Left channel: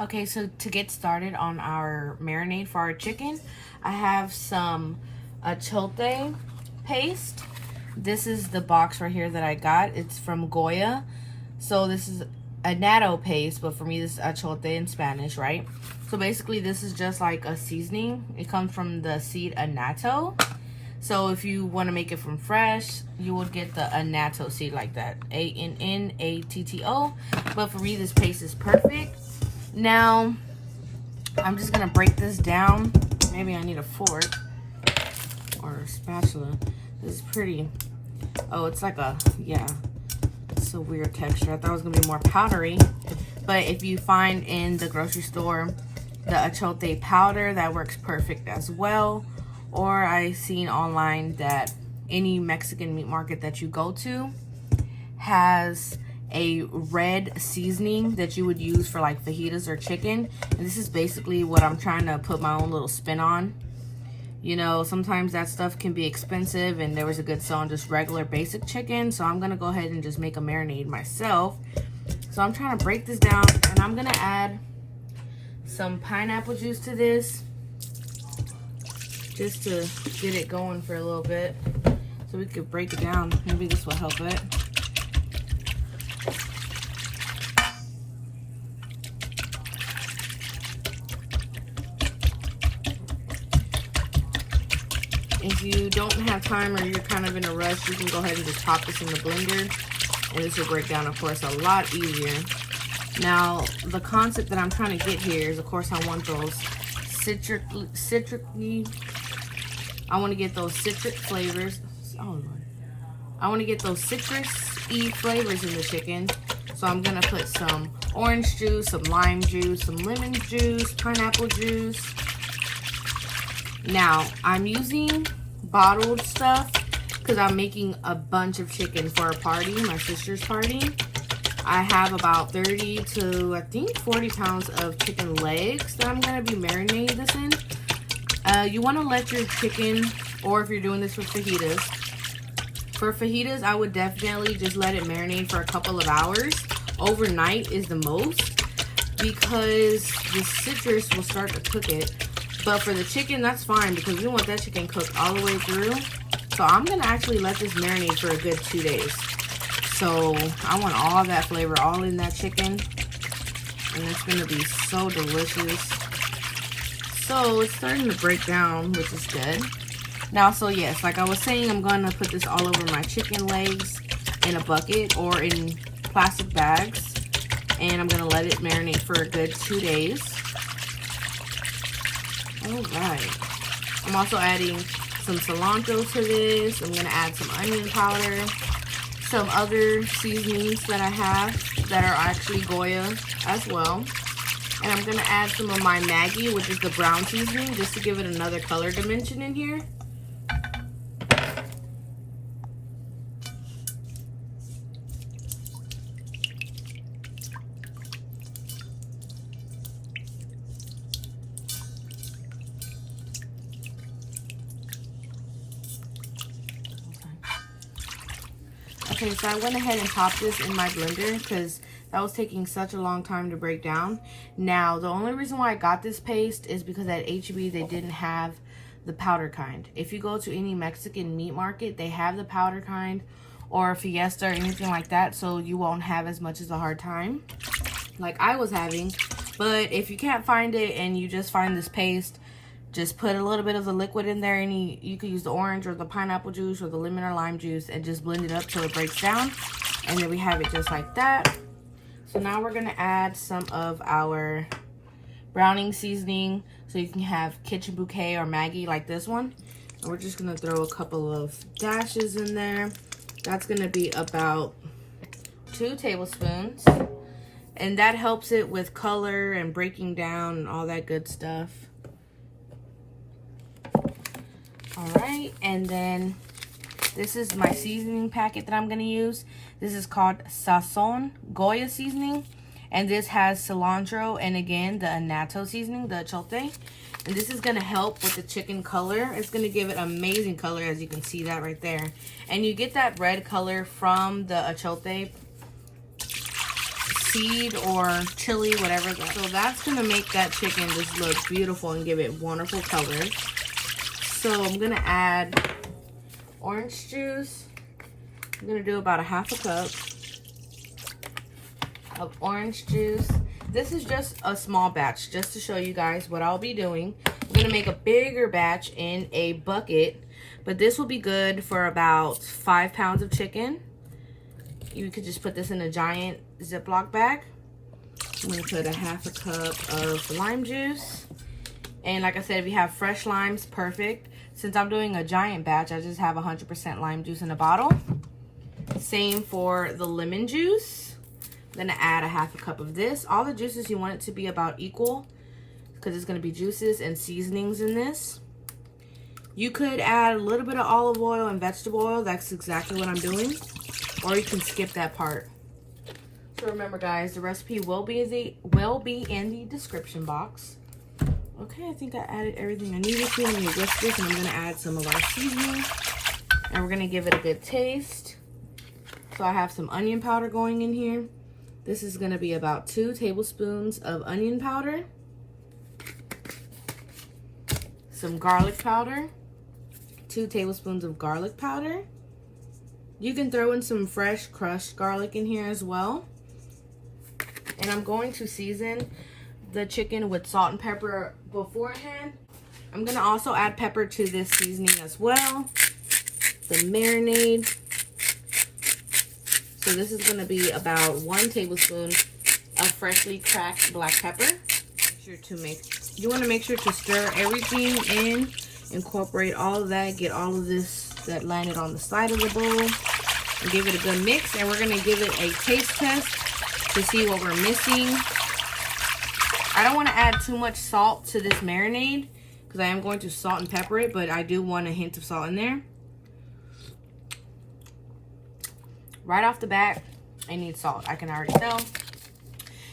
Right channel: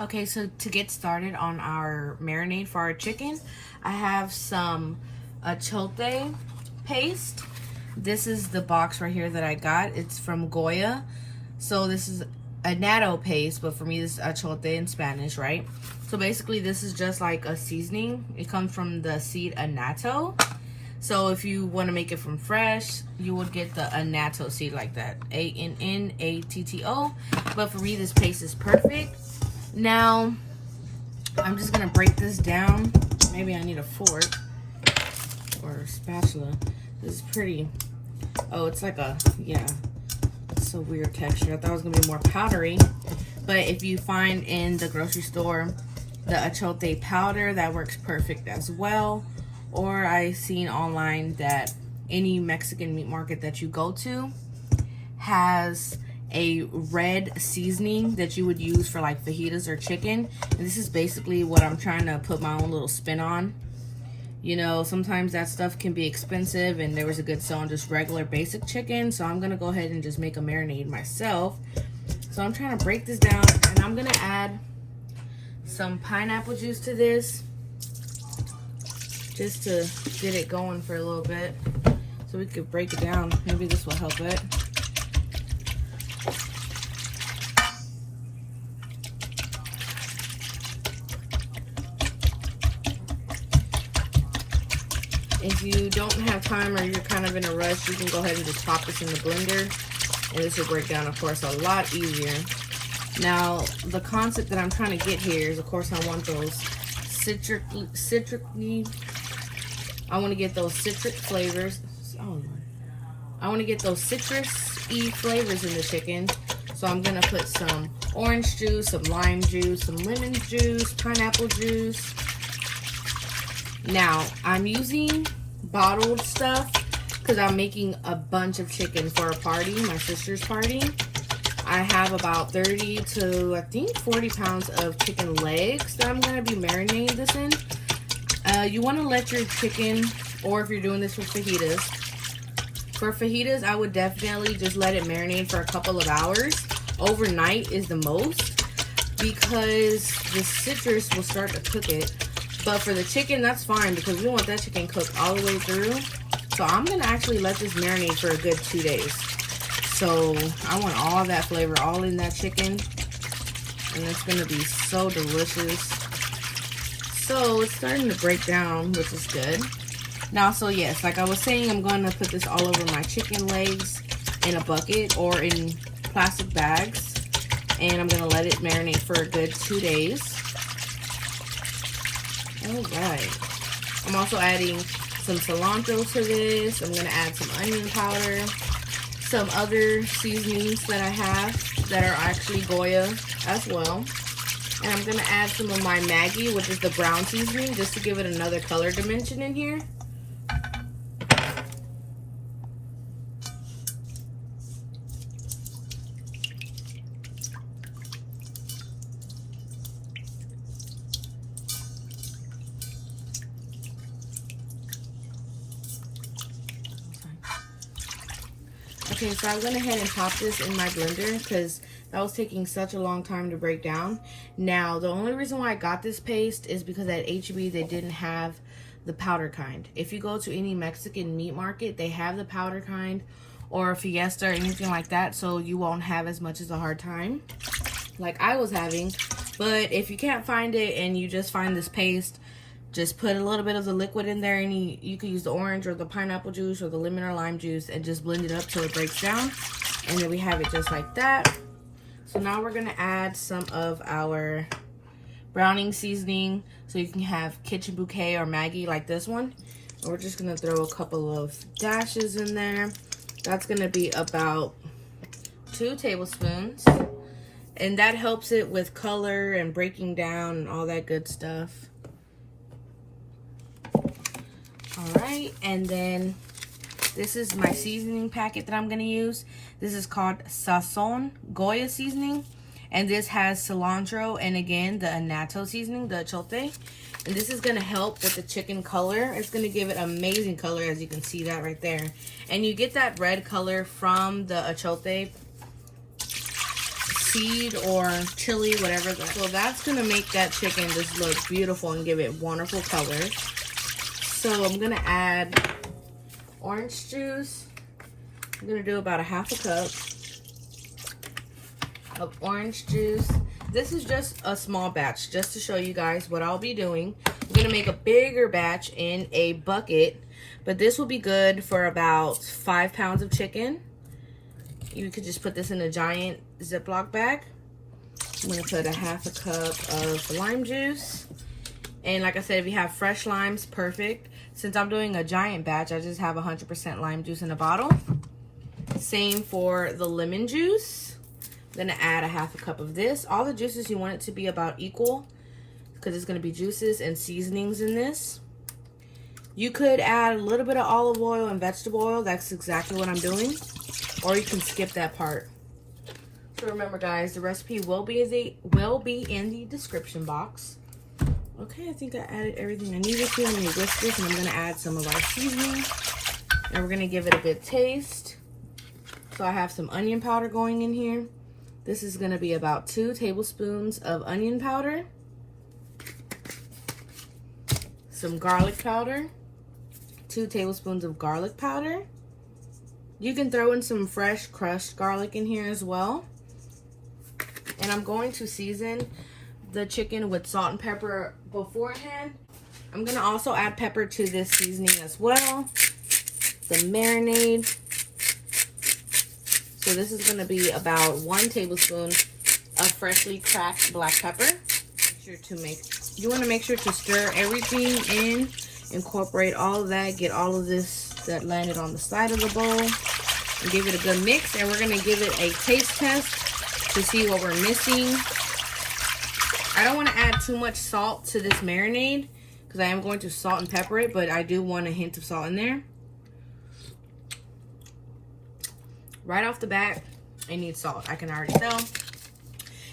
Okay, so to get started on our marinade for our chicken, I have some achote paste. This is the box right here that I got. It's from Goya. So this is a natto paste, but for me this is achote in Spanish, right? So basically this is just like a seasoning. It comes from the seed annatto. So if you want to make it from fresh, you would get the annatto seed like that, A-N-N-A-T-T-O. But for me this paste is perfect. Now, I'm just gonna break this down. Maybe I need a fork or a spatula. This is pretty, oh, it's like a, yeah, it's a weird texture. I thought it was gonna be more powdery. But if you find in the grocery store the achote powder, that works perfect as well. Or I seen online that any Mexican meat market that you go to has a red seasoning that you would use for like fajitas or chicken. And this is basically what I'm trying to put my own little spin on. You know, sometimes that stuff can be expensive and there was a good sale on just regular basic chicken. So I'm gonna go ahead and just make a marinade myself. So I'm trying to break this down and I'm gonna add some pineapple juice to this just to get it going for a little bit so we could break it down. Maybe this will help it. If you don't have time or you're kind of in a rush, you can go ahead and just pop this in the blender and this will break down, of course, a lot easier. Now, the concept that I'm trying to get here is, of course, I want those I want to get those citric flavors. Oh, Lord. I want to get those citrus-y flavors in the chicken. So I'm going to put some orange juice, some lime juice, some lemon juice, pineapple juice. Now, I'm using bottled stuff because I'm making a bunch of chicken for a party, my sister's party. I have about 30 to, I think, 40 pounds of chicken legs that I'm going to be marinating this in. You want to let your chicken, or if you're doing this for fajitas, I would definitely just let it marinate for a couple of hours. Overnight is the most because the citrus will start to cook it. But for the chicken, that's fine because we want that chicken cooked all the way through. So I'm going to actually let this marinate for a good 2 days. So I want all that flavor all in that chicken. And it's going to be so delicious. So it's starting to break down, which is good. Now, so yes, like I was saying, I'm going to put this all over my chicken legs in a bucket or in plastic bags. And I'm going to let it marinate for a good 2 days. Alright, I'm also adding some cilantro to this. I'm going to add some onion powder, some other seasonings that I have that are actually Goya as well. And I'm going to add some of my Maggie, which is the brown seasoning, just to give it another color dimension in here. Okay, so I went ahead and popped this in my blender because that was taking such a long time to break down. Now, the only reason why I got this paste is because at H-E-B they didn't have the powder kind. If you go to any Mexican meat market, they have the powder kind or Fiesta or anything like that, so you won't have as much as a hard time like I was having. But if you can't find it and you just find this paste, just put a little bit of the liquid in there, and you could use the orange or the pineapple juice or the lemon or lime juice and just blend it up till it breaks down. And then we have it just like that. So now we're gonna add some of our browning seasoning. So you can have Kitchen Bouquet or Maggie like this one. And we're just gonna throw a couple of dashes in there. That's gonna be about 2 tablespoons. And that helps it with color and breaking down and all that good stuff. Alright, and then this is my seasoning packet that I'm going to use. This is called Sazon Goya seasoning. And this has cilantro and again the annatto seasoning, the achote. And this is going to help with the chicken color. It's going to give it amazing color, as you can see that right there. And you get that red color from the achote seed or chili, whatever. So that's gonna make that chicken just look beautiful and give it wonderful colors. So I'm gonna add orange juice. I'm gonna do about a half a cup of orange juice. This is just a small batch, just to show you guys what I'll be doing. I'm gonna make a bigger batch in a bucket, but this will be good for about 5 pounds of chicken. You could just put this in a giant Ziploc bag. I'm gonna put a half a cup of lime juice. And like I said, if you have fresh limes, perfect. Since I'm doing a giant batch, I just have 100% lime juice in a bottle. Same for the lemon juice. I'm gonna add a half a cup of this. All the juices, you want it to be about equal because it's gonna be juices and seasonings in this. You could add a little bit of olive oil and vegetable oil. That's exactly what I'm doing. Or you can skip that part. So remember guys, the recipe will be in the description box. Okay, I think I added everything I needed to. I'm gonna whisk this and I'm gonna add some of our seasoning. And we're gonna give it a good taste. So I have some onion powder going in here. This is gonna be about 2 tablespoons of onion powder. Some garlic powder. 2 tablespoons of garlic powder. You can throw in some fresh crushed garlic in here as well. And I'm going to season the chicken with salt and pepper beforehand. I'm gonna also add pepper to this seasoning as well. The marinade. So this is gonna be about 1 tablespoon of freshly cracked black pepper. You wanna make sure to stir everything in, incorporate all of that, get all of this that landed on the side of the bowl, and give it a good mix. And we're gonna give it a taste test to see what we're missing. I don't wanna add too much salt to this marinade because I am going to salt and pepper it, but I do want a hint of salt in there. Right off the bat, I need salt. I can already tell.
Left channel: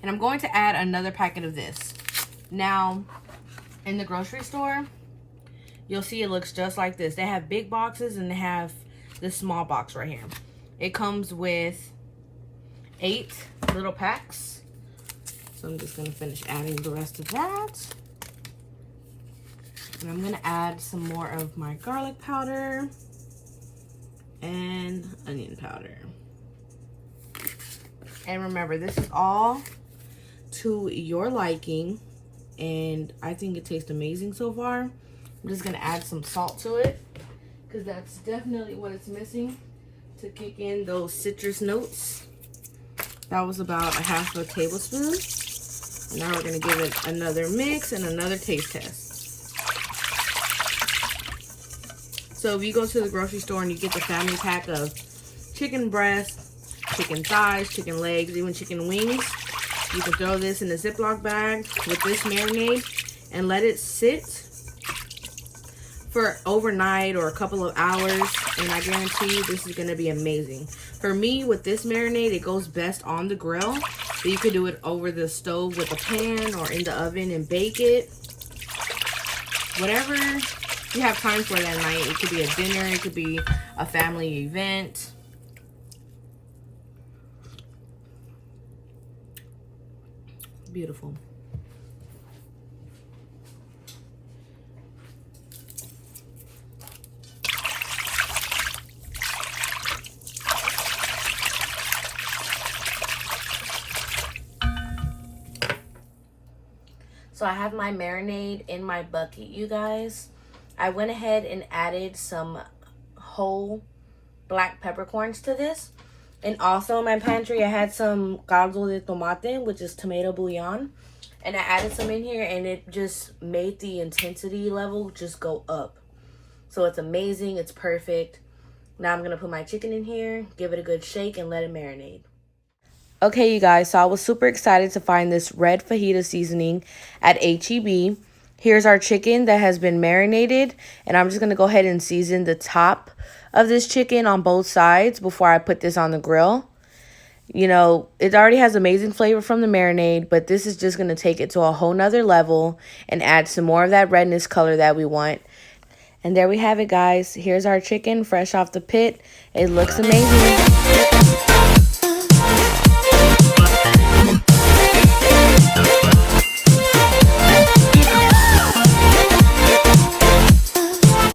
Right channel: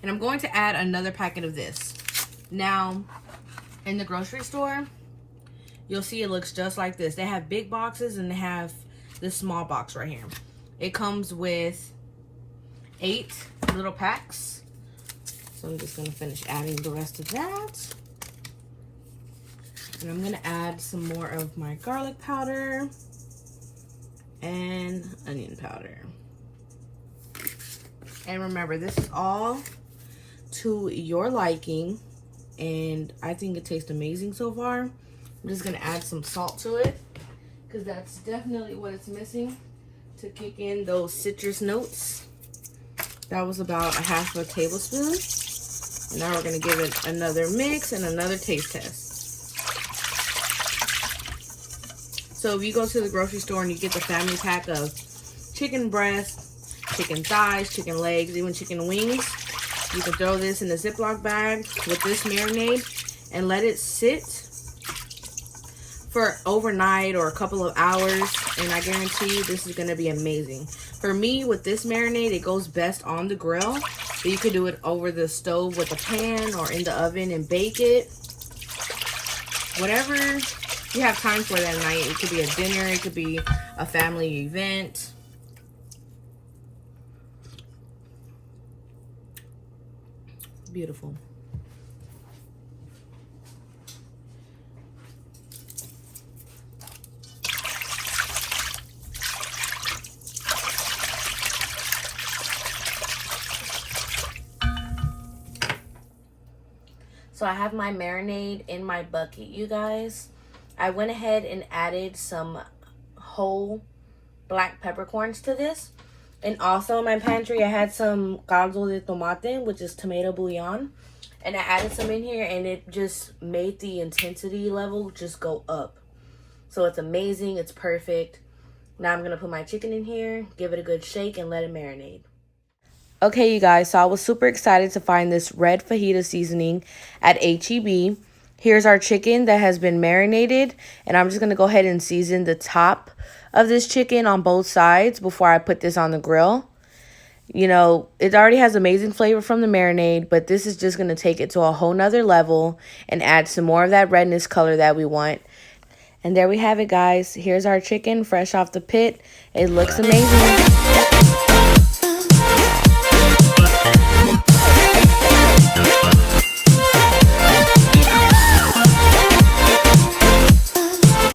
And I'm going to add another packet of this. Now, in the grocery store, you'll see it looks just like this. They have big boxes and they have this small box right here. It comes with 8 little packs. So I'm just gonna finish adding the rest of that. And I'm gonna add some more of my garlic powder and onion powder. And remember, this is all to your liking, and I think it tastes amazing so far. I'm just gonna add some salt to it because that's definitely what it's missing to kick in those citrus notes. That was about a half a tablespoon. And now we're gonna give it another mix and another taste test. So if you go to the grocery store and you get the family pack of chicken breast, chicken thighs, chicken legs, even chicken wings, you can throw this in a Ziploc bag with this marinade and let it sit for overnight or a couple of hours, and I guarantee you this is gonna be amazing. For me, with this marinade, it goes best on the grill, but you could do it over the stove with a pan or in the oven and bake it. Whatever you have time for that night. It could be a dinner, it could be a family event. Beautiful. So I have my marinade in my bucket, you guys. I went ahead and added some whole black peppercorns to this. And also in my pantry, I had some caldo de tomate, which is tomato bouillon. And I added some in here, and it just made the intensity level just go up. So it's amazing. It's perfect. Now I'm going to put my chicken in here, give it a good shake, and let it marinate. Okay, you guys, so I was super excited to find this red fajita seasoning at H-E-B. Here's our chicken that has been marinated, and I'm just going to go ahead and season the top of this chicken on both sides before I put this on the grill. You know, it already has amazing flavor from the marinade, but this is just going to take it to a whole nother level and add some more of that redness color that we want. And there we have it, guys. Here's our chicken fresh off the pit. It looks amazing.